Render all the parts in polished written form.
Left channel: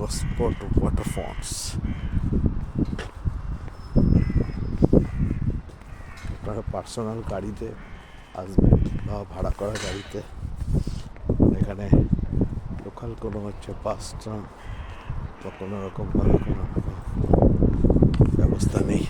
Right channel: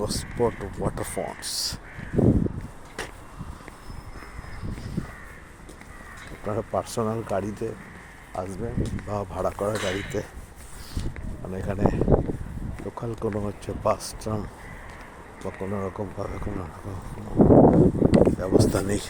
Gosport Waterfalls. আপনারা personal গাড়িতে আসবেন বা ভাড়া করা গাড়িতে, এখানে লোকাল কোনো বাস ট্রাম বা কোনো রকমভাবে কোনো রকম ব্যবস্থা নেই।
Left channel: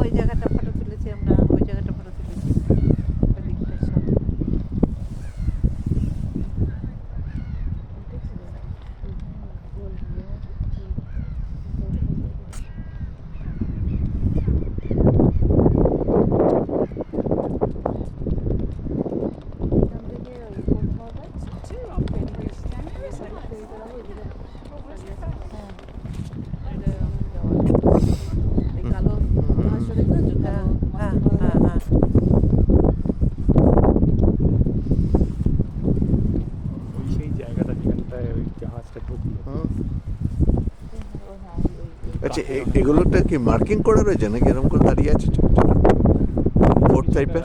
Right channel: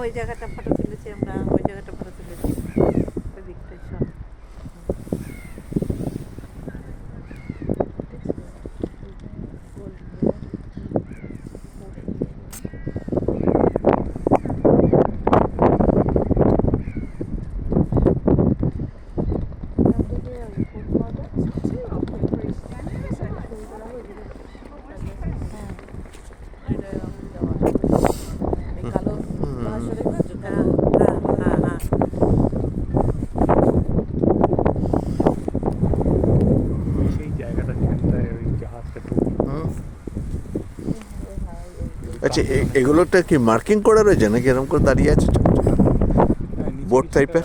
ওই জায়গাটা ফটো তুলেছি আমরা, ওই জায়গাটা ফটো তুলেছি ওই দিকটাই সব। আচ্ছা, এগুলোটা কি মার্কিং করে রয়েছে নাকি এরকম করে দাঁড়িয়ে আছে বোর্ড টাইপের?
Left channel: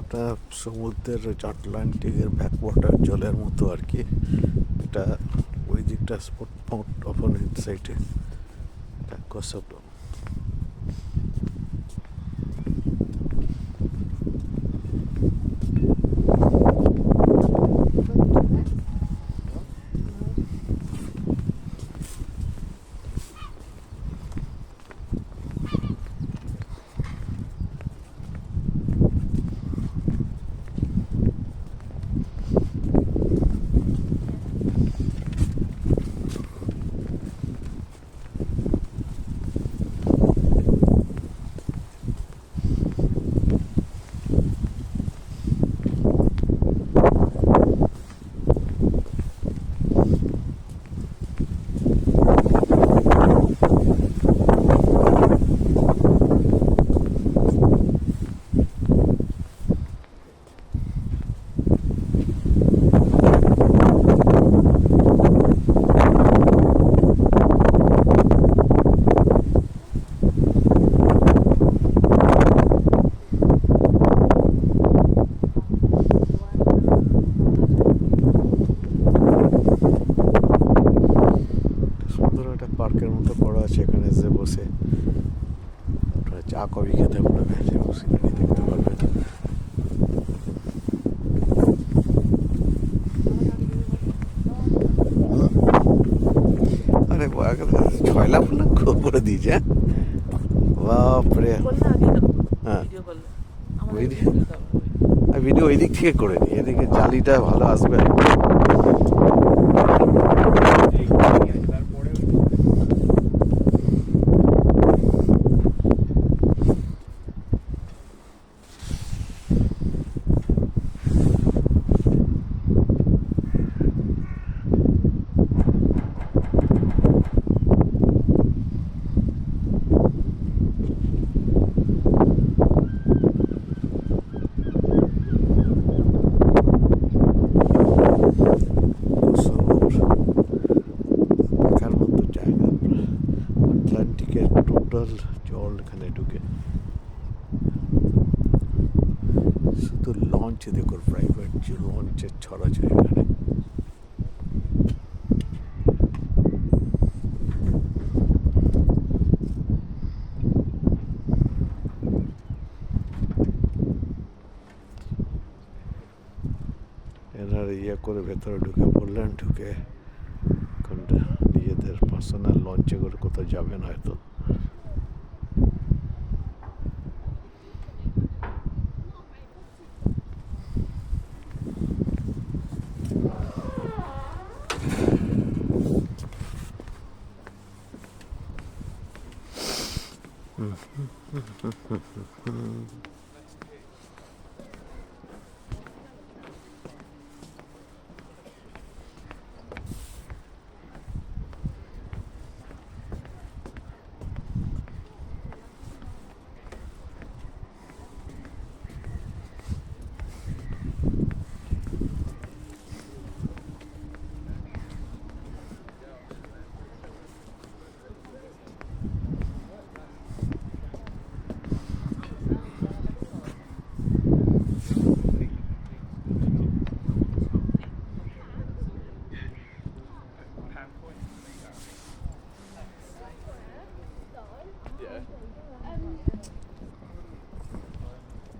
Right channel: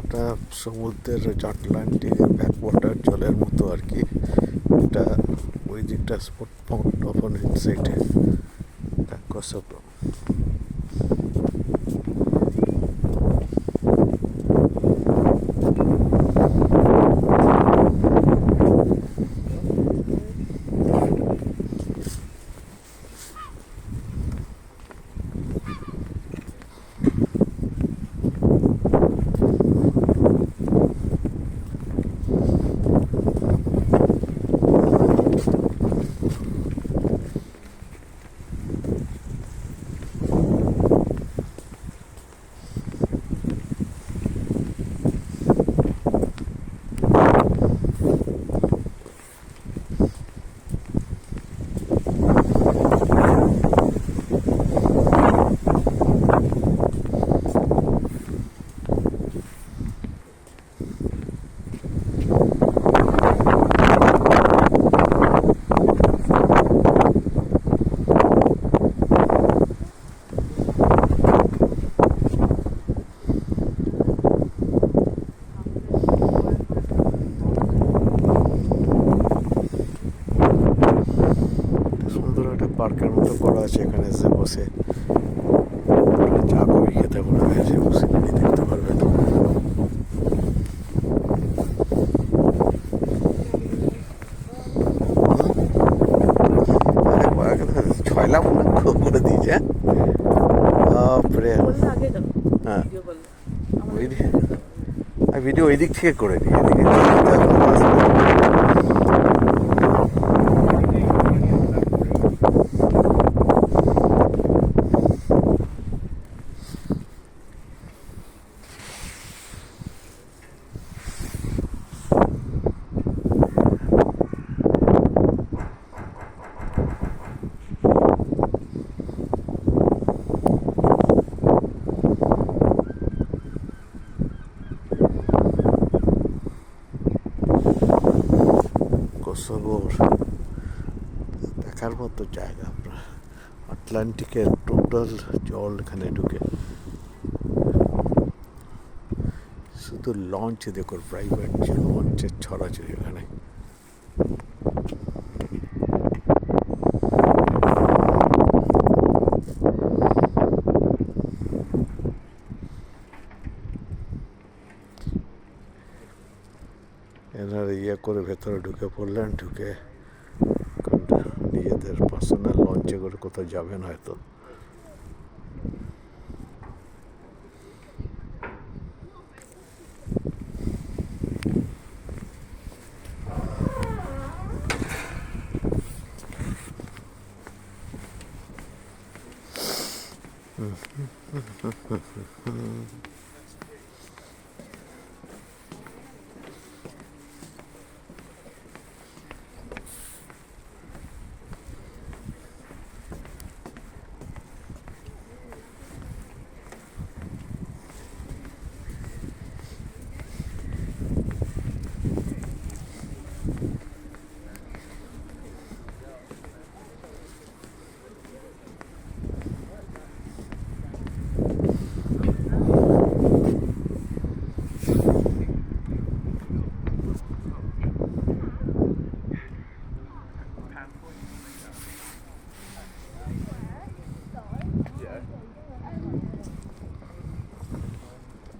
আপনার সমুদ্রের আটলান্টিকের ব্যাকওয়াটার জলের মতো আর কি। এটা ওই দিকটা স্পট অপোনেন্ট সাইডে Kosovo. পার্কের মতো করা আছে, এখানে এসে বসে চা কফি খেতে পারবেন, এসে বসে দেখতে পারবেন। আরে ছয়লা মনে করে দিয়েছে, হ্যাঁ বাপরে। বললে আগে গেল হ্যাঁ ভিডিও করলে আমার ভিডিও ভিডিও ওই দিক থেকে করে নিই, এদিকে এটা আসবে। দেখার মতো জায়গা, আটলান্টিকের টোটাল জল এখানে ঢুকে। শুধু লঞ্চ দেখো, প্রাইভেট লঞ্চের ছড়াছড়ি এখানে। এনারা ইয়ে করে ভেতরে ঢুকে পড়লেন, ঢুকে নিজেদের পার্সোনাল লঞ্চে করে কোথাও যাবেন হয়তো।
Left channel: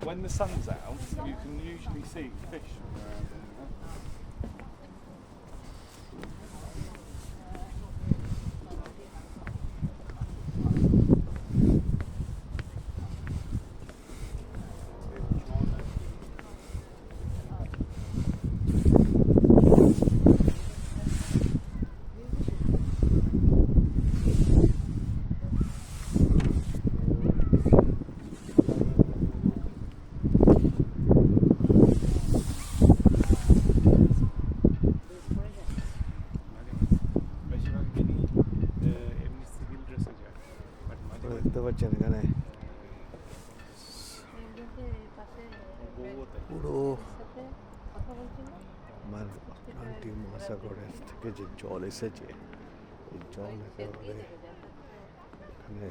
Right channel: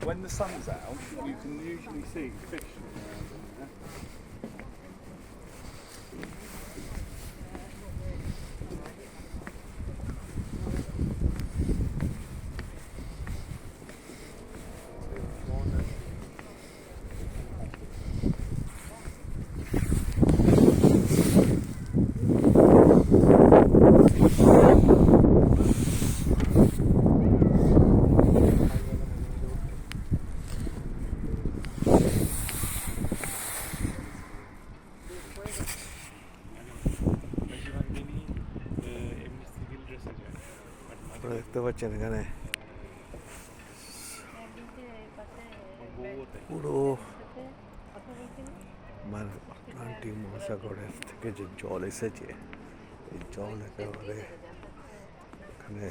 When the sun's out, you can usually see fish swimming around in there. দেখতে পাচ্ছেন এখানে পুরো আটলান্টিক মহাসাগরের থেকে যে জল এসেছে, এই জল একেবারে এখানে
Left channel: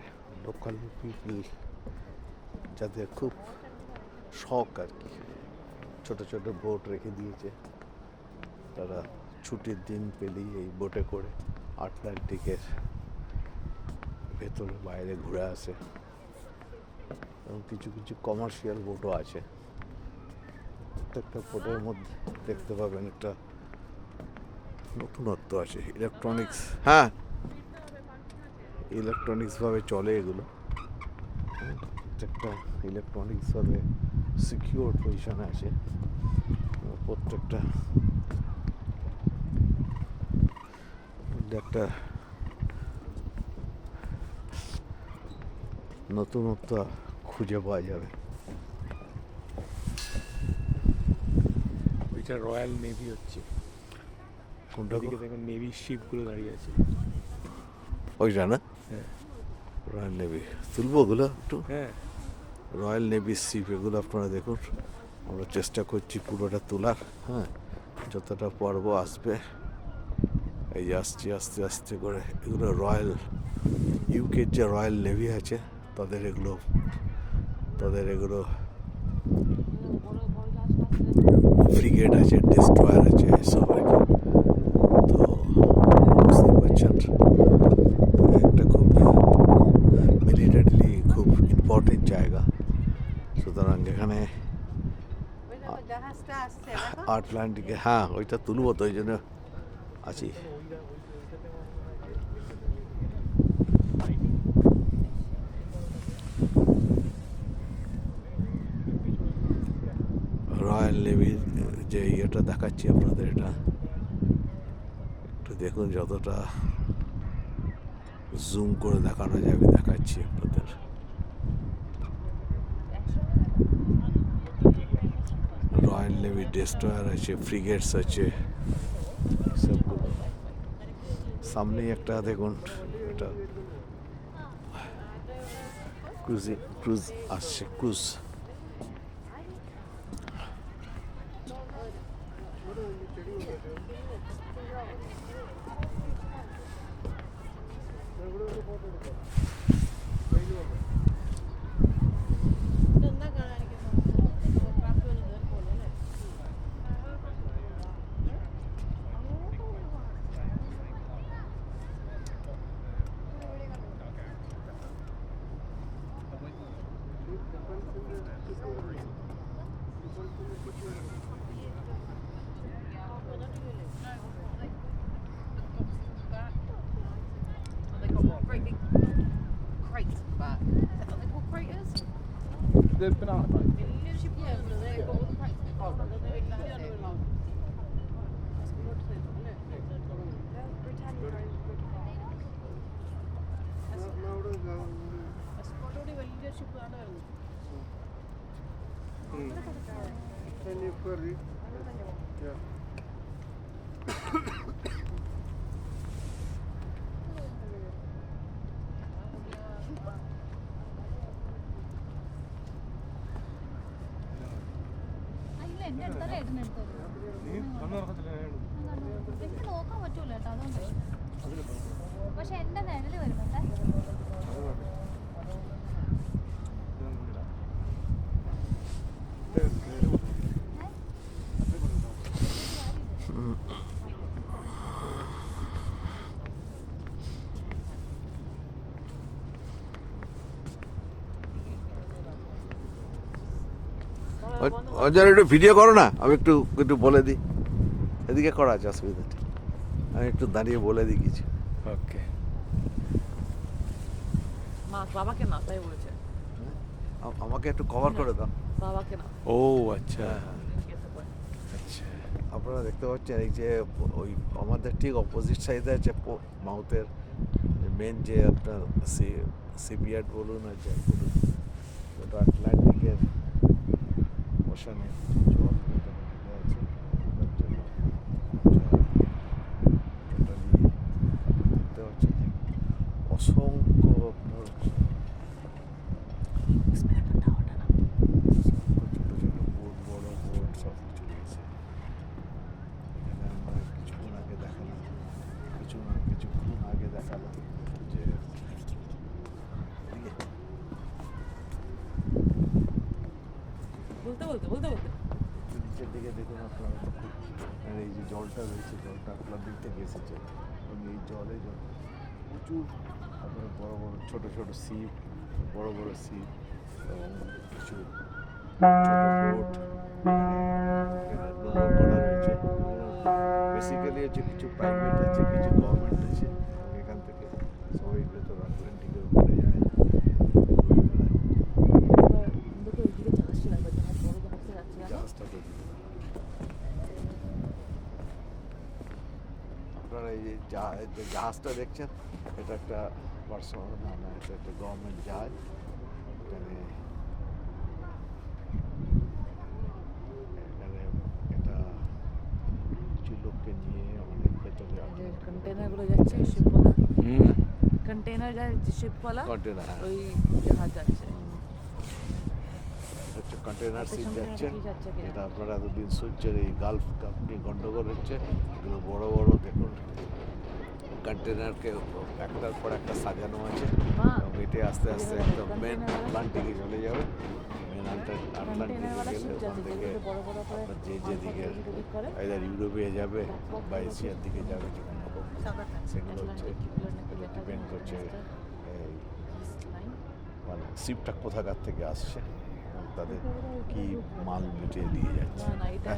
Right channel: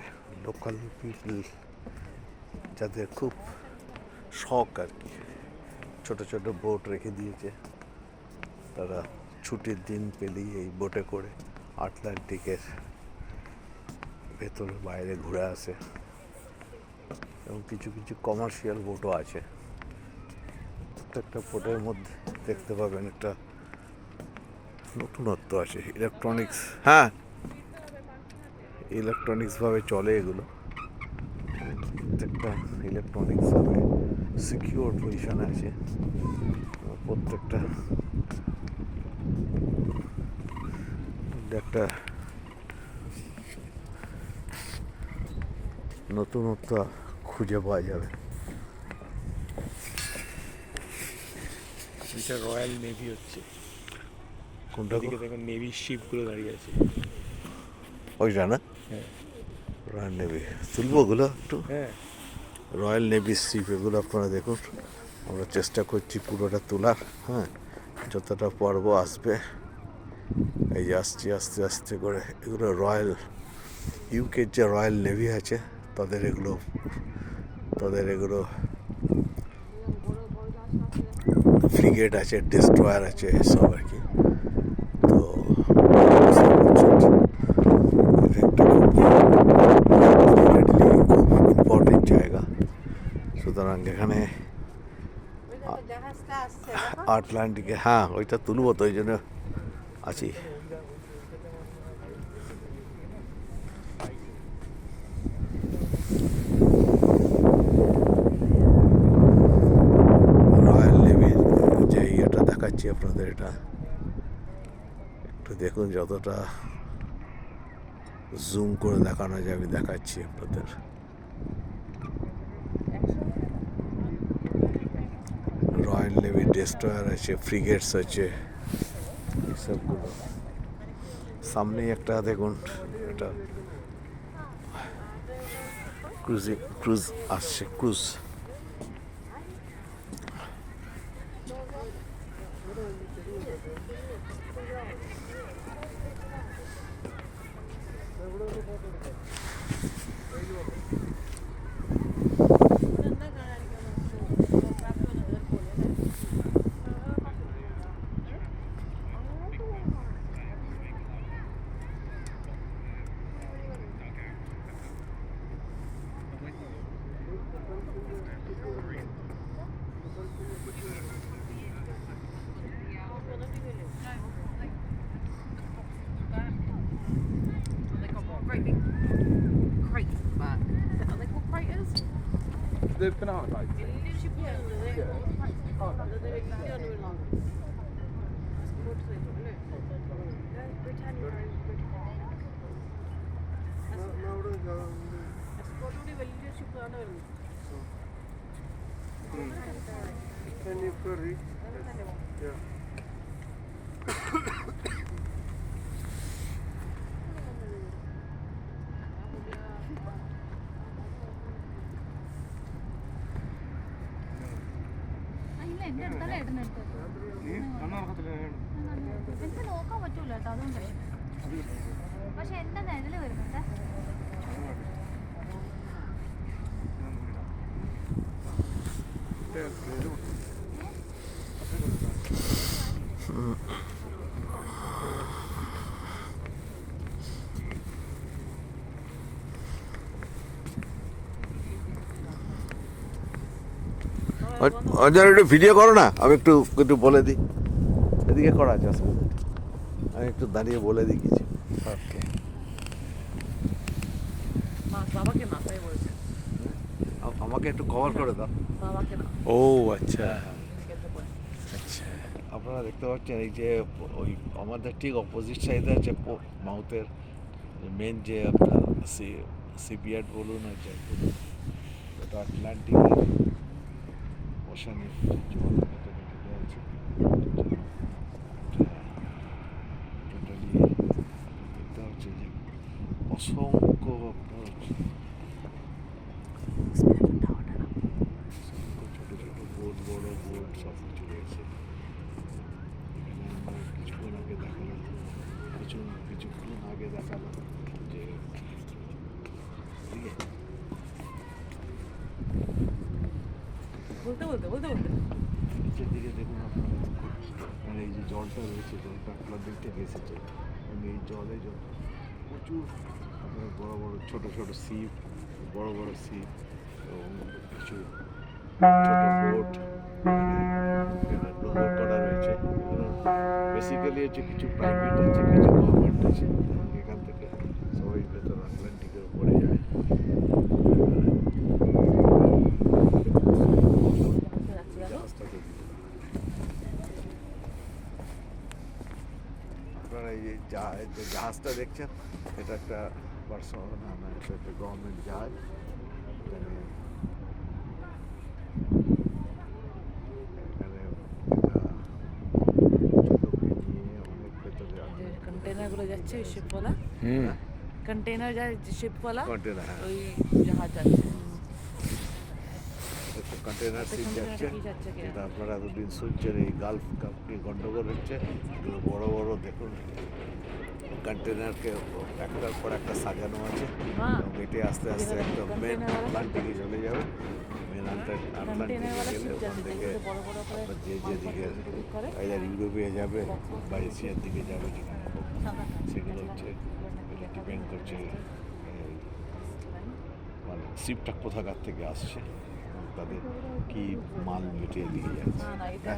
লোকাল পিপল যাদের খুব শখ আর কি, ছোট ছোট বোট রেখে দিয়েছে, তারা ছুটির দিন পেলেই এই বোটে করে আটলান্টিকের ভেতরে বাইরে ঘুরে আসে। এবং কিছু কিছু কমার্শিয়াল বোটও আছে। প্রত্যেকটা বোটের মধ্যে দেখতে পাবেন একটা নতুনত্ব আছে, ইলেকট্রনিক্স, হ্যাঁ ইলেকট্রনিক্সভাবে চলে এগুলো, প্রত্যেকটা ইলেকট্রনিক্সভাবে সিকিউর পজিশনে আছে। প্রত্যেকটা একটা নতুনত্ব খুঁজে পাওয়া যাবে। ওইটা রয়্যাল নেভি হচ্ছে, কোনটা ওদিকে দেখুন নেভির শিপগুলো দাঁড়িয়ে আছে। ওইটা না, হ্যাঁ রয়্যাল নেভি, তুলবো ওগুলো একটু। হ্যাঁ রয়্যাল নেভি শিপ এগুলো আপনারা দেখুন, আমরা চেষ্টা করছি পুরোটা তোলার। হ্যাঁ, যতটা পর্ব আসবে, এই যে আসছি আস্তে আস্তে করে, এগুলো রয়্যাল ইউকের যে রয়্যাল নেভি আছে তাদের এগুলো ফ্রিগেট আছে, ডেস্ট্রয়ার আছে, সব আর কি। তো মাটির জায়গা, সুতরাং এখানে ওই দেখো জাহাজটা আসছে দেখো। আটলান্টিকে, হ্যাঁ ওইটা তুলবো তো, ওই জন্য আছি। রয়্যাল নেভির যে ইয়েটা দেখাচ্ছি আপনাদের, এটা একটু দেখুন, যতটা জুম করে দেখানো যাবে দেখাচ্ছি আপনাদের। রয়্যাল নেভি ডেস্ট্রয়ার আছে, ফ্রিগেটস আছে, সবগুলো। সামনেই একটা দেখুন, এটা ক্রুজ আসছে, cruise. They've got great big crates at the back. Are they called craters? The banana boat. Yeah, they've got all the crates. They're massive. അല്ല എന്റെ അടുത്തല്ല ഏട്ടൻ്റെ അടുത്ത് എനിക്ക് നോക്കാൻ പറ്റൂല കേട്ടോ, അതുകൊണ്ട്. പക്ഷെ എന്റെ നിഴല് വരുന്നുണ്ട്. অঞ্জন একটু ভিডিও করো না, আমি একটু একটু বলে দিই। এদিকে করা আছে, অসুবিধা নেই। আমি একটু দাঁড়িয়ে বলে দিই কিছু। ওকে, বাবাকে না, তাই বলছে। আমাকে একটু কভার করে দাও। বাবাকে না। ও আচ্ছা আচ্ছা, আপনারা দেখতে পাচ্ছেন এই যে ওই আমাদের ঠিক অপোজিট সাইডে আছে মাউথের মেন যে আপনার সিপিয়ার্ড বলুন আর যাই বলুন, ওটা আটলান্টিকের ওশানে জল ভেতরে ঢুকে আছে। এটা নিয়ে দেখতে পাচ্ছি যে অসংখ্য আপনার ছোটো ছোটো বোট, বড় বোট, সব কিছু রয়েছে এখানে। আমরা কিছুক্ষণ আগে দেখালাম যে নিচের দিকে দেখুন আপনারা, আর এই যে জলটা রয়েছে, জলটা আটলান্টিক থেকে এসেছে এবং এই জলে প্রচুর আপনার বড় বড় ছোট ছোট শিপ, বড় বড় শিপ এবং কিছু ছোট বোট ব্যবহার করা রয়েছে। বেসিক্যালি হচ্ছে কিছু প্রাইভেট আছে, কিছু গভর্নমেন্ট আছে, এবং এখান থেকে সবাই ভেতর আটলান্টিকের উপরে যায়। জাহাজটা তো আপনারা এই যে জাহাজটা দেখছেন, এটা একটা পার্সোনাল না, এটা একটা গভর্নমেন্ট জাহাজ। এখানে লোককে নিয়ে অনেক ভেতরে কন্টেনারগুলো যাচ্ছে ওই শিপওয়ালা, কন্টেনার যায় শিপওয়ালা, কন্টেনার, হ্যাঁ, ওই জাহাজ যাচ্ছে। একটা কন্টেনার শিপ যাচ্ছে। কি যাচ্ছে কি? এটা আপনারা এতদিন শুনছেন এই গালফ নিয়ে গন্ডগোল হচ্ছে, এগুলো বড় বড় দেখুন কন্টেনারকে একটার পর একটা সাজানো আছে এবং এটি আস্তে আস্তে একদম মেন আটলান্টিকে চলে যাবে। মেন আটলান্টিকে গেলে ওখান থেকে আপনার যে যেদিকে আইদার ইউরোপে যাবে বা এশিয়ার দিকে যাবে, যেখানে হোক, সেগুলো হচ্ছে ডিপেন্ড করছে ভালো শিপটা কোথাকার থেকে আসছে, তাদের কি মাল মিটিয়ে দিয়ে যাচ্ছে। না না এটা